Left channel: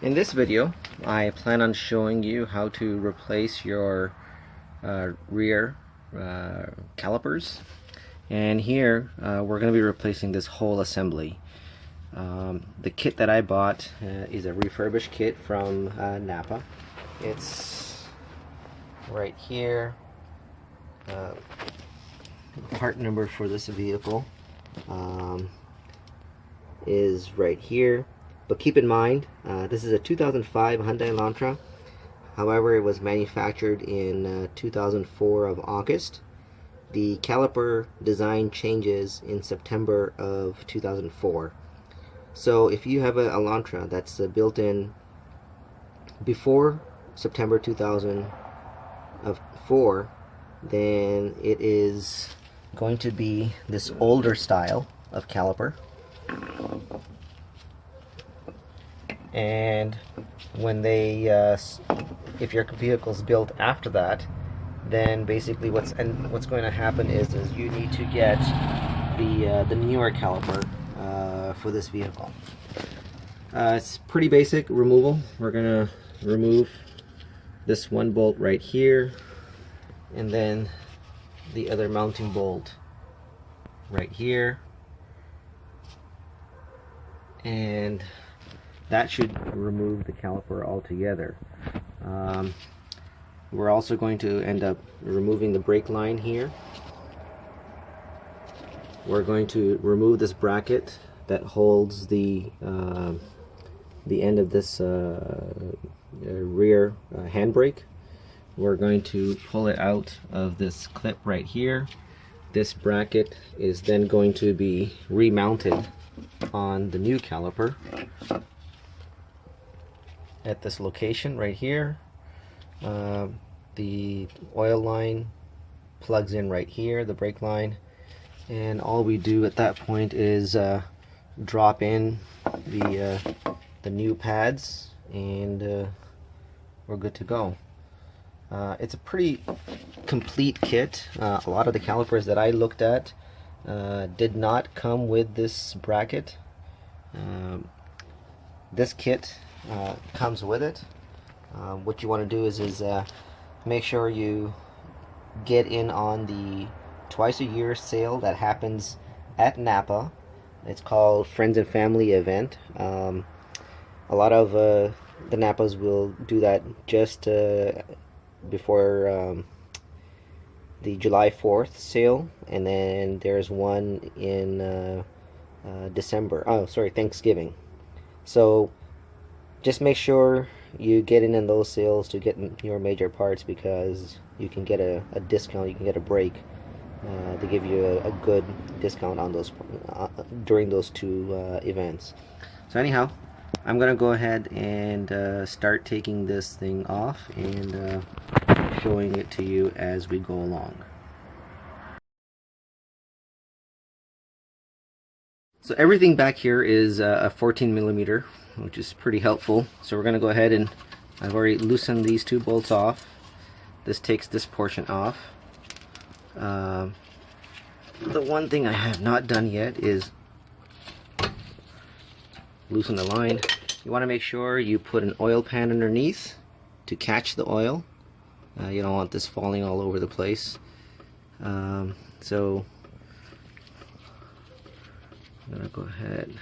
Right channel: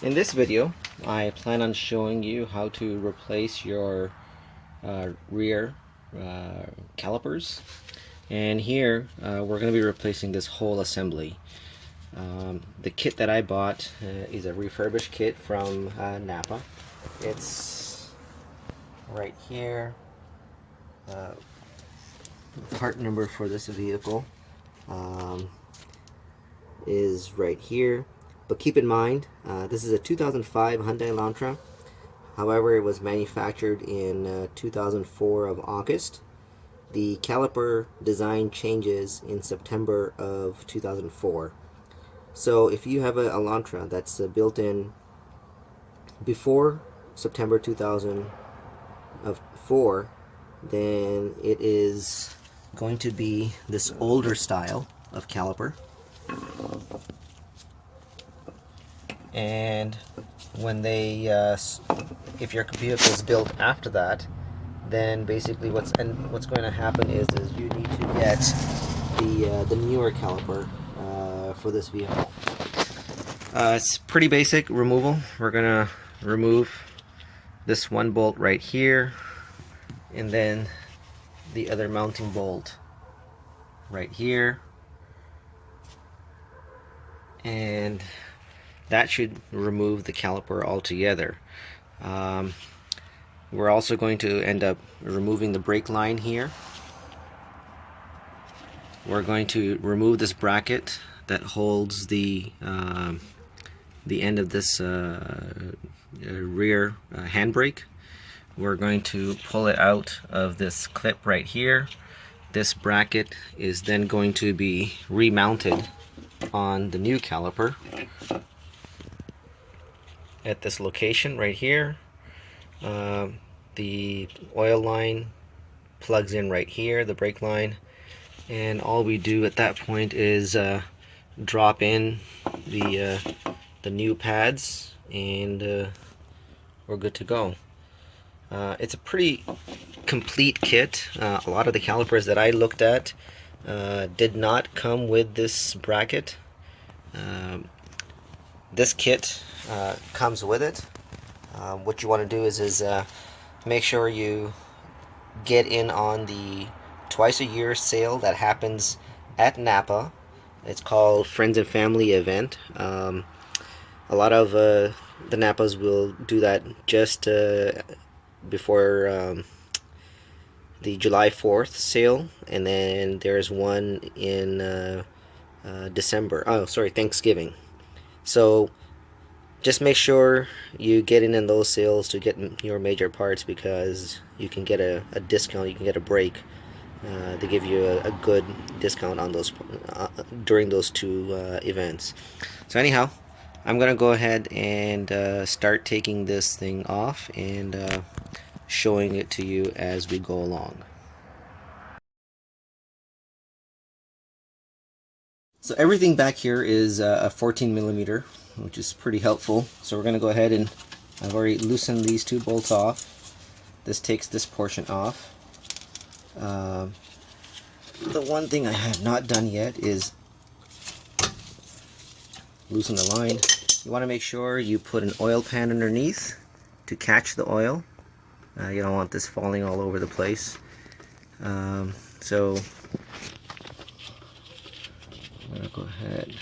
In this video, I plan on showing you how to replace your rear calipers. And here we're going to be replacing this whole assembly. The kit that I bought is a refurbished kit from Napa. It's right here. Part number for this vehicle is right here. But keep in mind, this is a 2005 Hyundai Elantra. However, it was manufactured in 2004 of August. The caliper design changes in September of 2004. So if you have an Elantra that's built in before September 2004, then it is going to be this older style of caliper. And when they if your vehicle is built after that, then basically what's going to happen is you need to get the newer caliper for this vehicle. It's pretty basic removal. We're gonna remove this one bolt right here, and then the other mounting bolt right here, and that should remove the caliper altogether. We're also going to end up removing the brake line here. We're going to remove this bracket that holds the end of this rear handbrake. We're going to pull it out of this clip right here. This bracket is then going to be remounted on the new caliper at this location right here. The oil line plugs in right here, the brake line, and all we do at that point is drop in the new pads, and we're good to go. It's a pretty complete kit. A lot of the calipers that I looked at did not come with this bracket. This kit comes with it. What you want to do is make sure you get in on the twice a year sale that happens at Napa. It's called Friends and Family Event. A lot of the Napas will do that just before the July 4th sale, and then there's one in December. Oh, sorry, Thanksgiving. So just make sure you get in those sales to get your major parts, because you can get a discount. You can get a break. They give you a good discount on those during those two events. So anyhow, I'm gonna go ahead and start taking this thing off and showing it to you as we go along. So everything back here is a 14 millimeter, which is pretty helpful. So we're gonna go ahead and I've already loosened these two bolts off. This takes this portion off. The one thing I have not done yet is loosen the line. You want to make sure you put an oil pan underneath to catch the oil. You don't want this falling all over the place. So I'm gonna go ahead.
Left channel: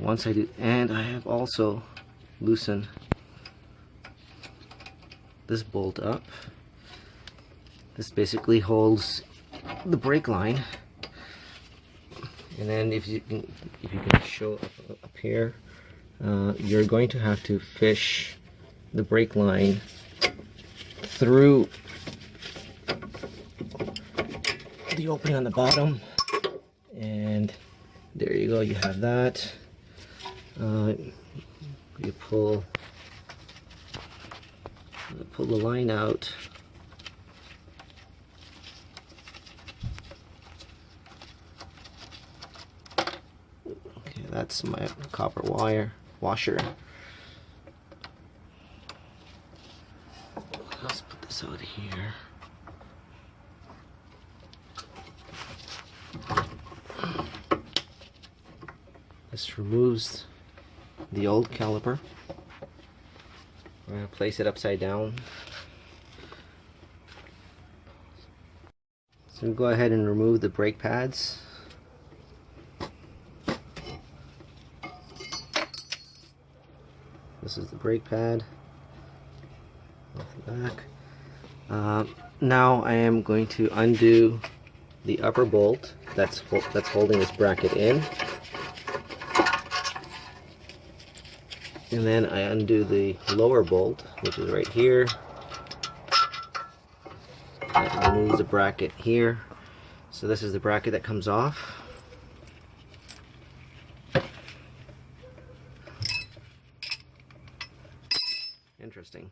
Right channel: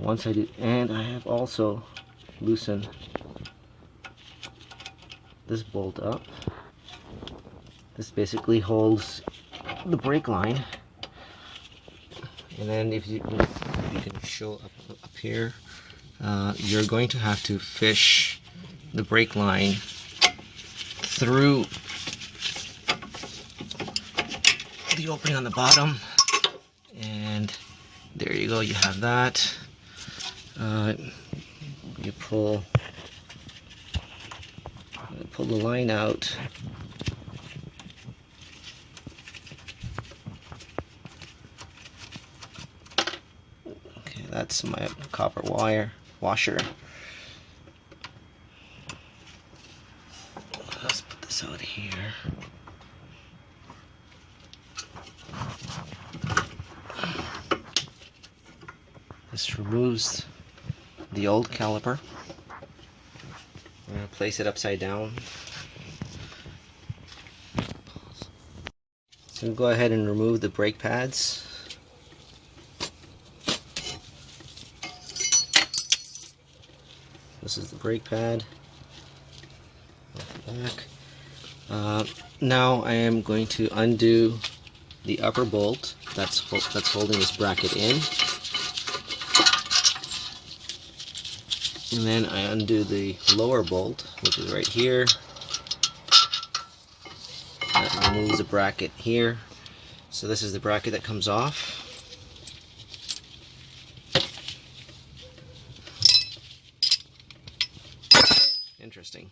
Once I do, and I have also loosened this bolt up. This basically holds the brake line, and then if you can show up here, you're going to have to fish the brake line through the opening on the bottom, and there you go, you have that. You pull the line out. Okay, that's my copper wire washer. Let's put this out here. This removes the old caliper. I'm going to place it upside down. So go ahead and remove the brake pads. This is the brake pad. Off the back. Now I am going to undo the upper bolt that's holding this bracket in, and then I undo the lower bolt, which is right here. That removes the bracket here. So this is the bracket that comes off. Interesting.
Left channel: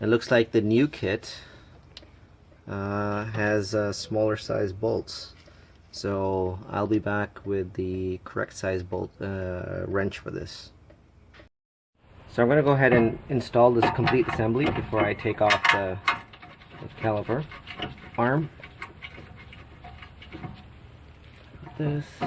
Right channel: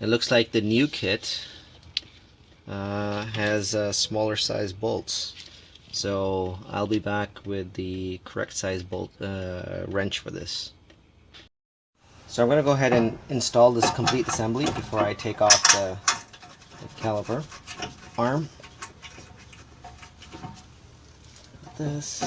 It looks like the new kit has smaller size bolts. So I'll be back with the correct size bolt wrench for this. So I'm going to go ahead and install this complete assembly before I take off the caliper arm. This.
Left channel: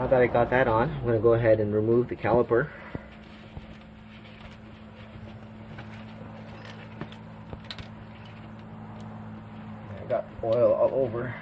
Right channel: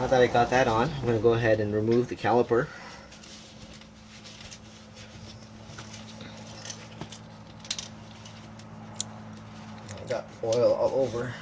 Now that I got that on, I'm going to go ahead and remove the caliper. I got oil all over.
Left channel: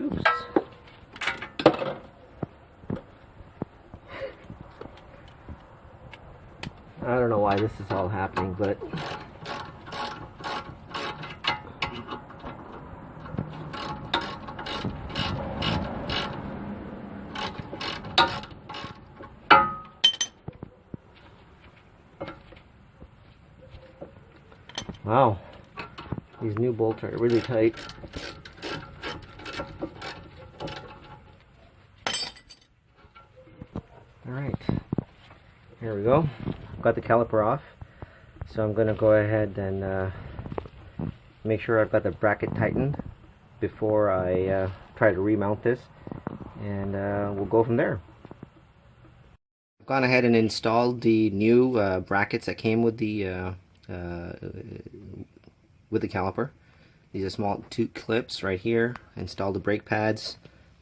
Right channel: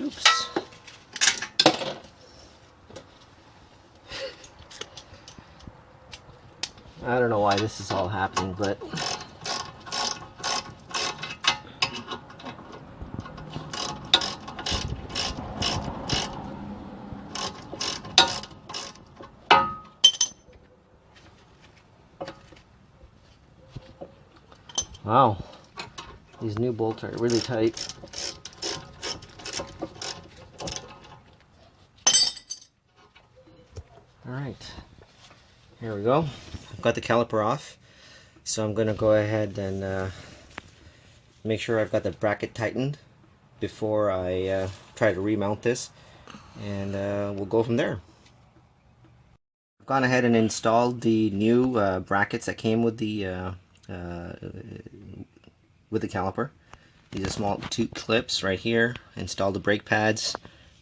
Oops. I don't know why this is all happening, but wow, these new bolts are really tight. Alright, here we go. I've got the caliper off, so I'm going to go ahead and make sure I've got the bracket tightened before I try to remount this, and we'll go from there. I've gone ahead and installed the new brackets that came with the caliper. These are small 2 clips right here. Installed the brake pads.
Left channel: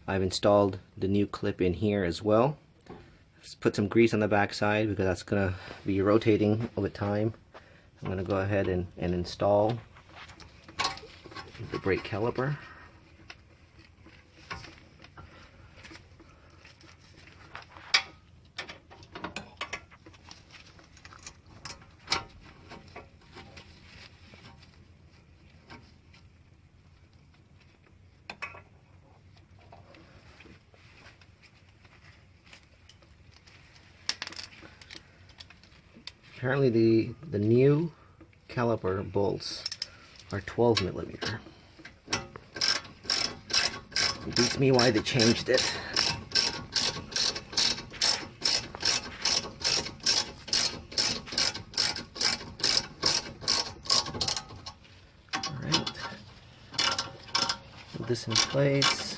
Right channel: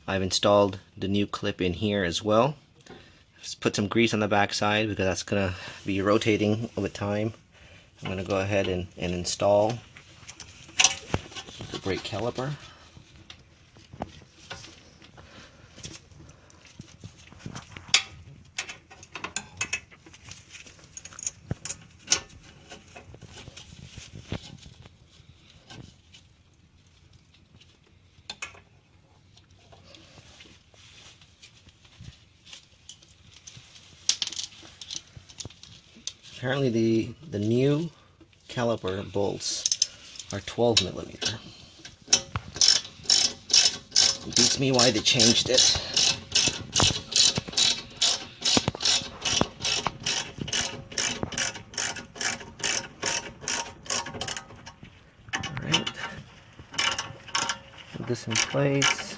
I've installed the new clip in here as well. Just put some grease on the back side because that's going to be rotating over time. I'm going to go ahead and install the brake caliper. Apparently the new caliper bolts are 12 millimeter. It beats me why they changed it. Alright. Put this in place.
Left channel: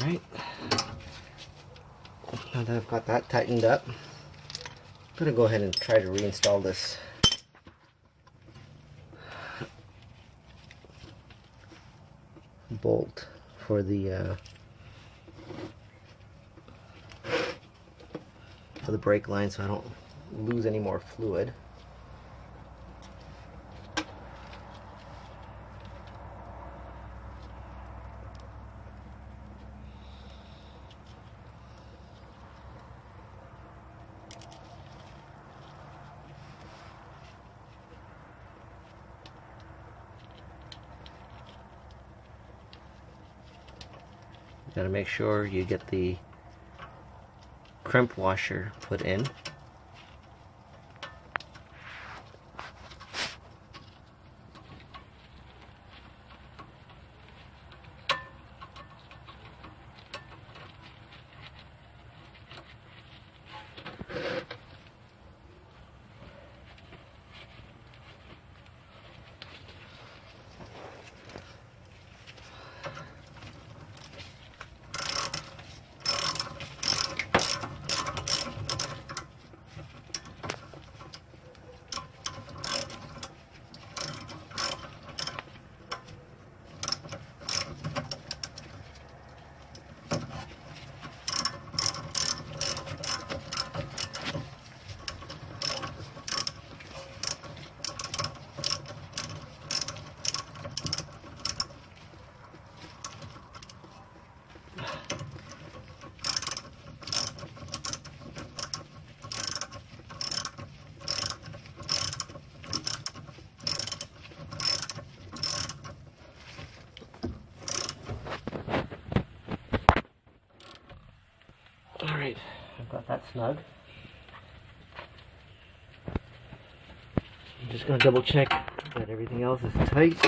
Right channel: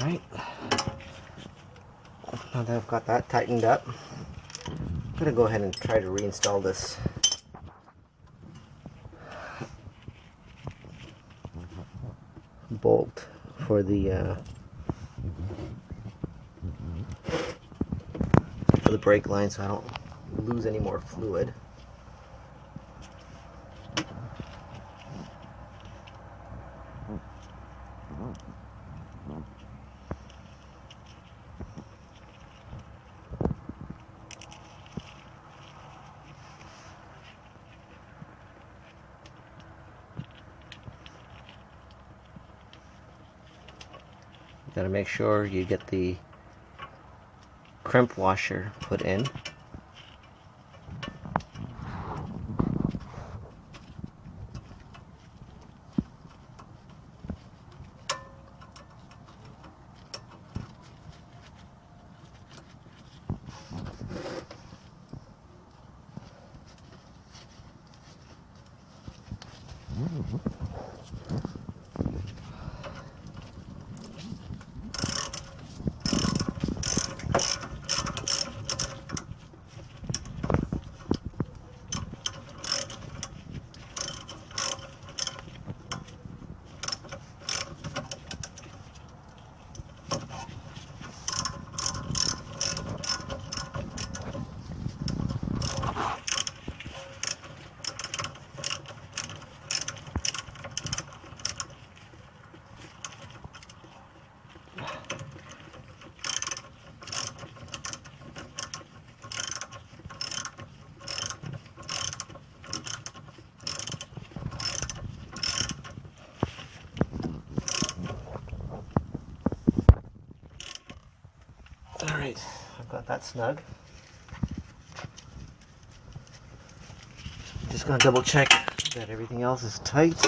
Alright, now that I've got that tightened up, I'm going to go ahead and try to reinstall this bolt for the brake line so I don't lose any more fluid. You gotta make sure you get the crimp washer put in. Alright, I've got that snug. I'm just going to double check that everything else is tight.